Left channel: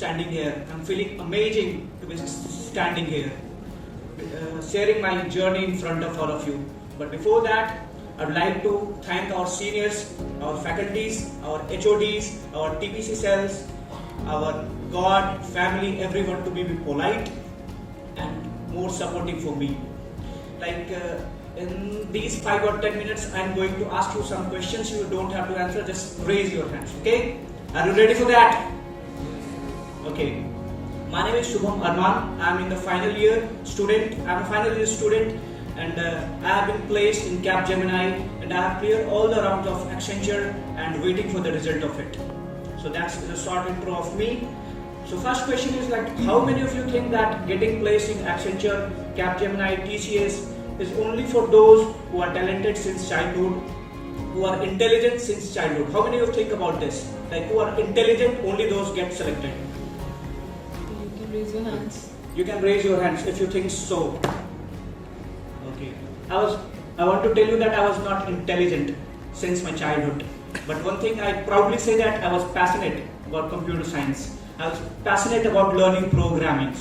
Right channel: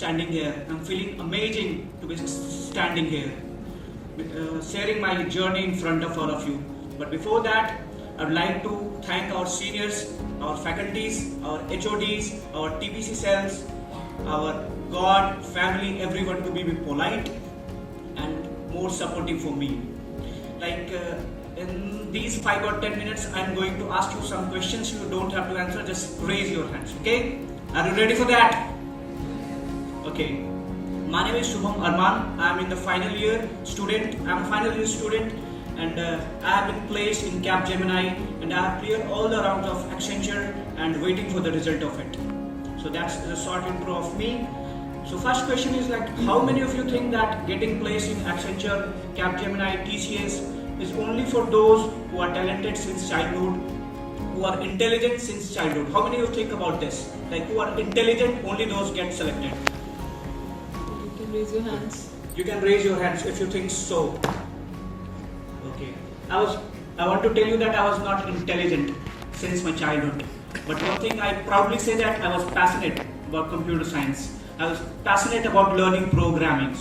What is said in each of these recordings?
standing here. I'm feeling amazing to be standing here, sharing my journey in front of all of you. But before that, I would like to thank our seniors, our faculties, our HODs, our TPC cells, our God, family, everyone to be polite and more supportive for me. In these 5 or 10 minutes, I'm going to ask you some questions. You don't have to answer, just raise your hands, okay? Are you ready for that? Okay. My name is Shubham Arman. I'm in the final year student. I'm a final year student and I have been placed in Capgemini and I have cleared all the rounds of Accenture and waiting for the result of it. So that's a short intro of me. So first question is how many of you think that getting placed in Accenture, Capgemini, TCS is only for those who are talented since childhood, who are intelligent since childhood? How many of you think about this? Who are intelligent, only those get selected? You can raise your hands. You can raise your hands if you think so. Okay. I want to tell you that I was not intelligent since my childhood. But one thing I proudly say that I was passionate about computer science. I was passionate about learning programming.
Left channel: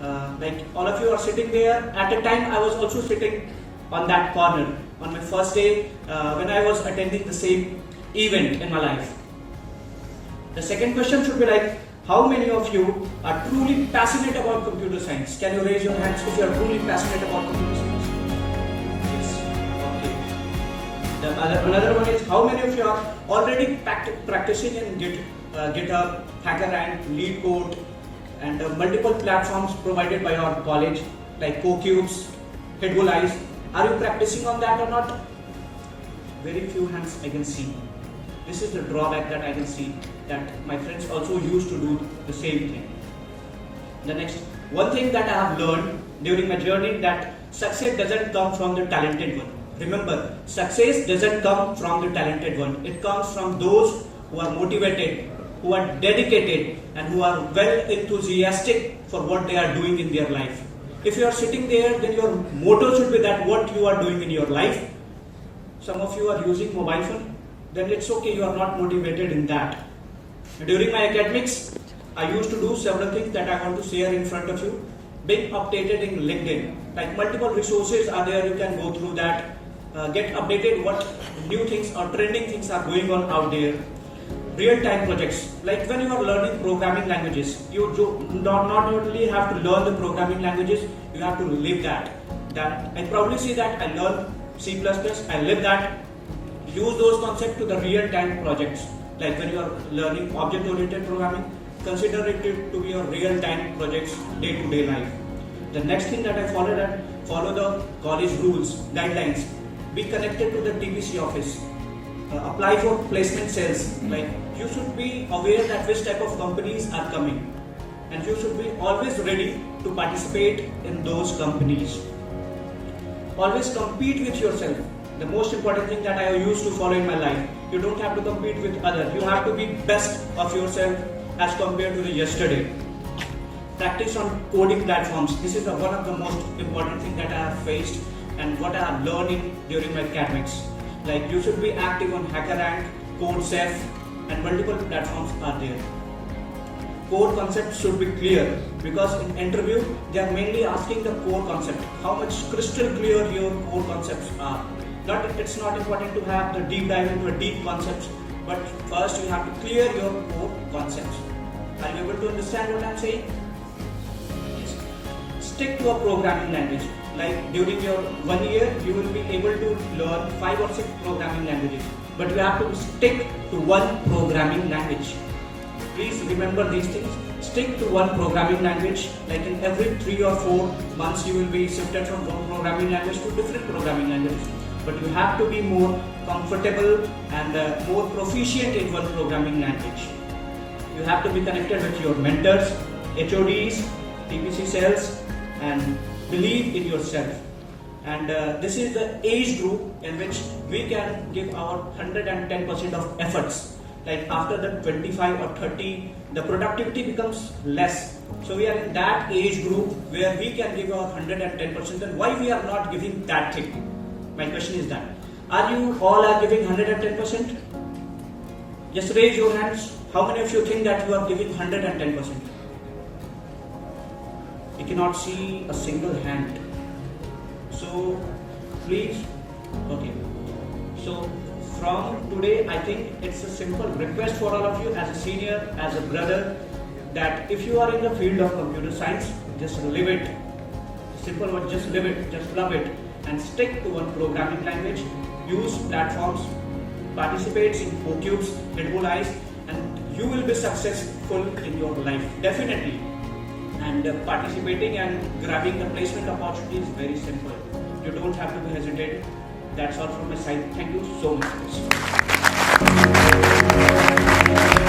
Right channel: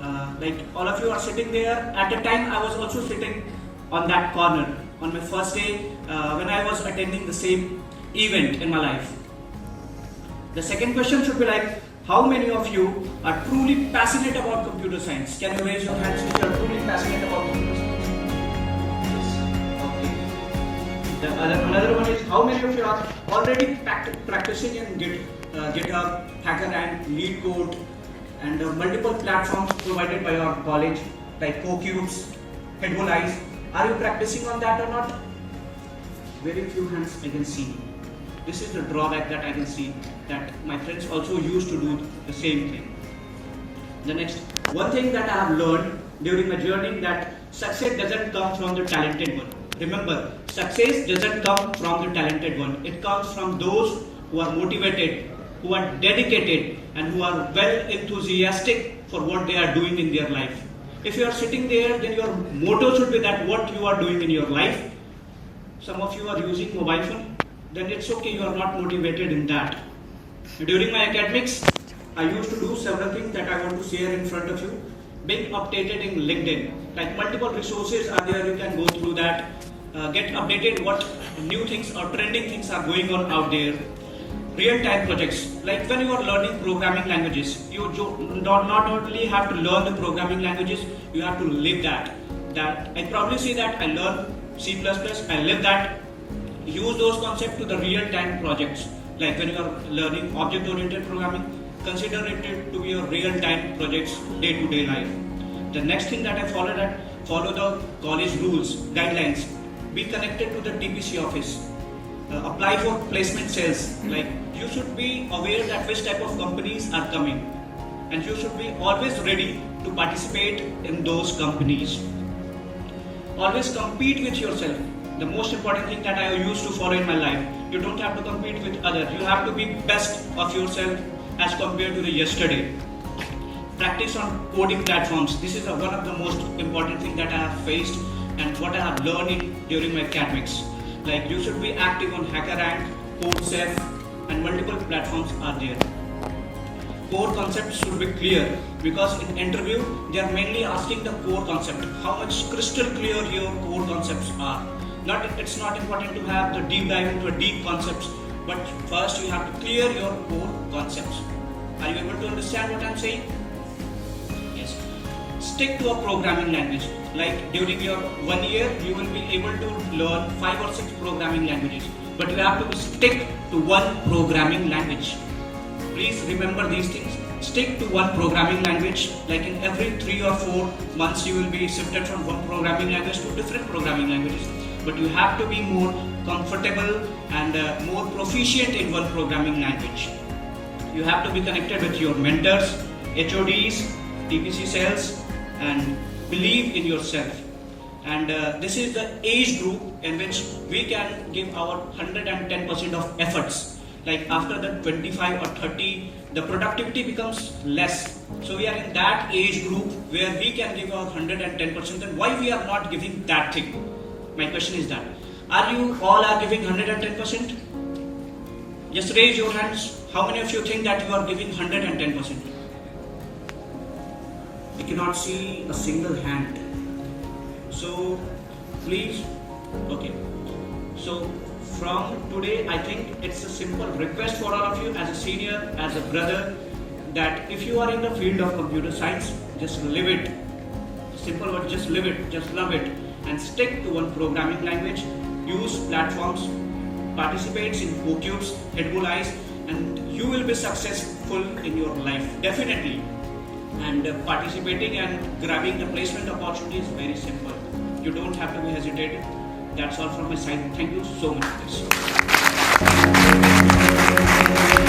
All of you are sitting there. At a time, I was also sitting on that corner on my first day when I was attending the same event in my life. The second question should be how many of you are truly passionate about computer science? Can you raise your hands if you are truly passionate about computer science? Yes. Okay. Another one is how many of you are already practicing in GitHub, HackerRank, LeetCode, and multiple platforms provided by our college like CoCubes, Headbulleyes. Are you practicing on that or not? Very few hands I can see. This is the drawback that I can see, that my friends also used to do the same thing. The next, one thing that I have learned during my journey, that success doesn't come from the talented one. Remember, success doesn't come from the talented one. It comes from those who are motivated, who are dedicated, and who are well enthusiastic for what they are doing in their life. If you are sitting there, then your motto should be that what you are doing in your life. Some of you are using mobile phone, then it's okay, you are not motivated in that. During my academics, I used to do several things that I want to share in front of you. Being updated in LinkedIn, multiple resources are there, you can go through that, get updated what new things or trending things are going on out there. Real-time projects, when you are learning programming languages, you not only have to learn the programming languages, you have to live that. I probably say that I learn C++, I live that. Use those concepts to the real-time projects. When you are learning object-oriented programming, consider it to be your real-time projects, day-to-day life. The next thing that I follow the college rules, guidelines. Be connected to the TPC office. Apply for placement sales. You should be aware that which type of companies are coming, and you should be always ready to participate in those companies. Always compete with yourself. The most important thing that I used to follow in my life. You don't have to compete with others. You have to be best of yourself as compared to the yesterday. Practice on coding platforms. This is one of the most important things that I have faced and what I have learned during my academics. You should be active on HackerRank, CodeSafe, and multiple platforms are there. Core concepts should be clear because in interview they are mainly asking the core concept. How much crystal clear your core concepts are. It's not important to have the deep dive into the deep concepts, but first you have to clear your core concepts. Are you able to understand what I'm saying? Yes. Stick to a programming language. During your 1 year, you will be able to learn 5 or 6 programming languages, but you have to stick to one programming language. Please remember these things. Stick to one programming language. In every 3 or 4 months, you will be shifted from one programming language to different programming languages. But you have to be more comfortable and more proficient in one programming language. You have to be connected with your mentors, HODs, TPC cells, and believe in yourself. And this is the age group in which we can give our 110% of efforts. After the 25 or 30, the productivity becomes less. So we are in that age group where we can give our 110%. Then why we are not giving that thing? My question is that. Are you all giving 110%? Just raise your hands. How many of you think that you are giving 110%? You cannot see a single hand. So please, okay. So from today, I think it's a simple request for all of you as a senior, as a brother, that if you are in the field of computer science, just live it. Simple word, just live it, just love it, and stick to one programming language. Use platforms, participate in OCubes, Headbulleyes, and you will be successful in your life, definitely. And participating and grabbing the placement opportunity is very simple. You don't have to be hesitating. That's all from my side. Thank you so much, guys.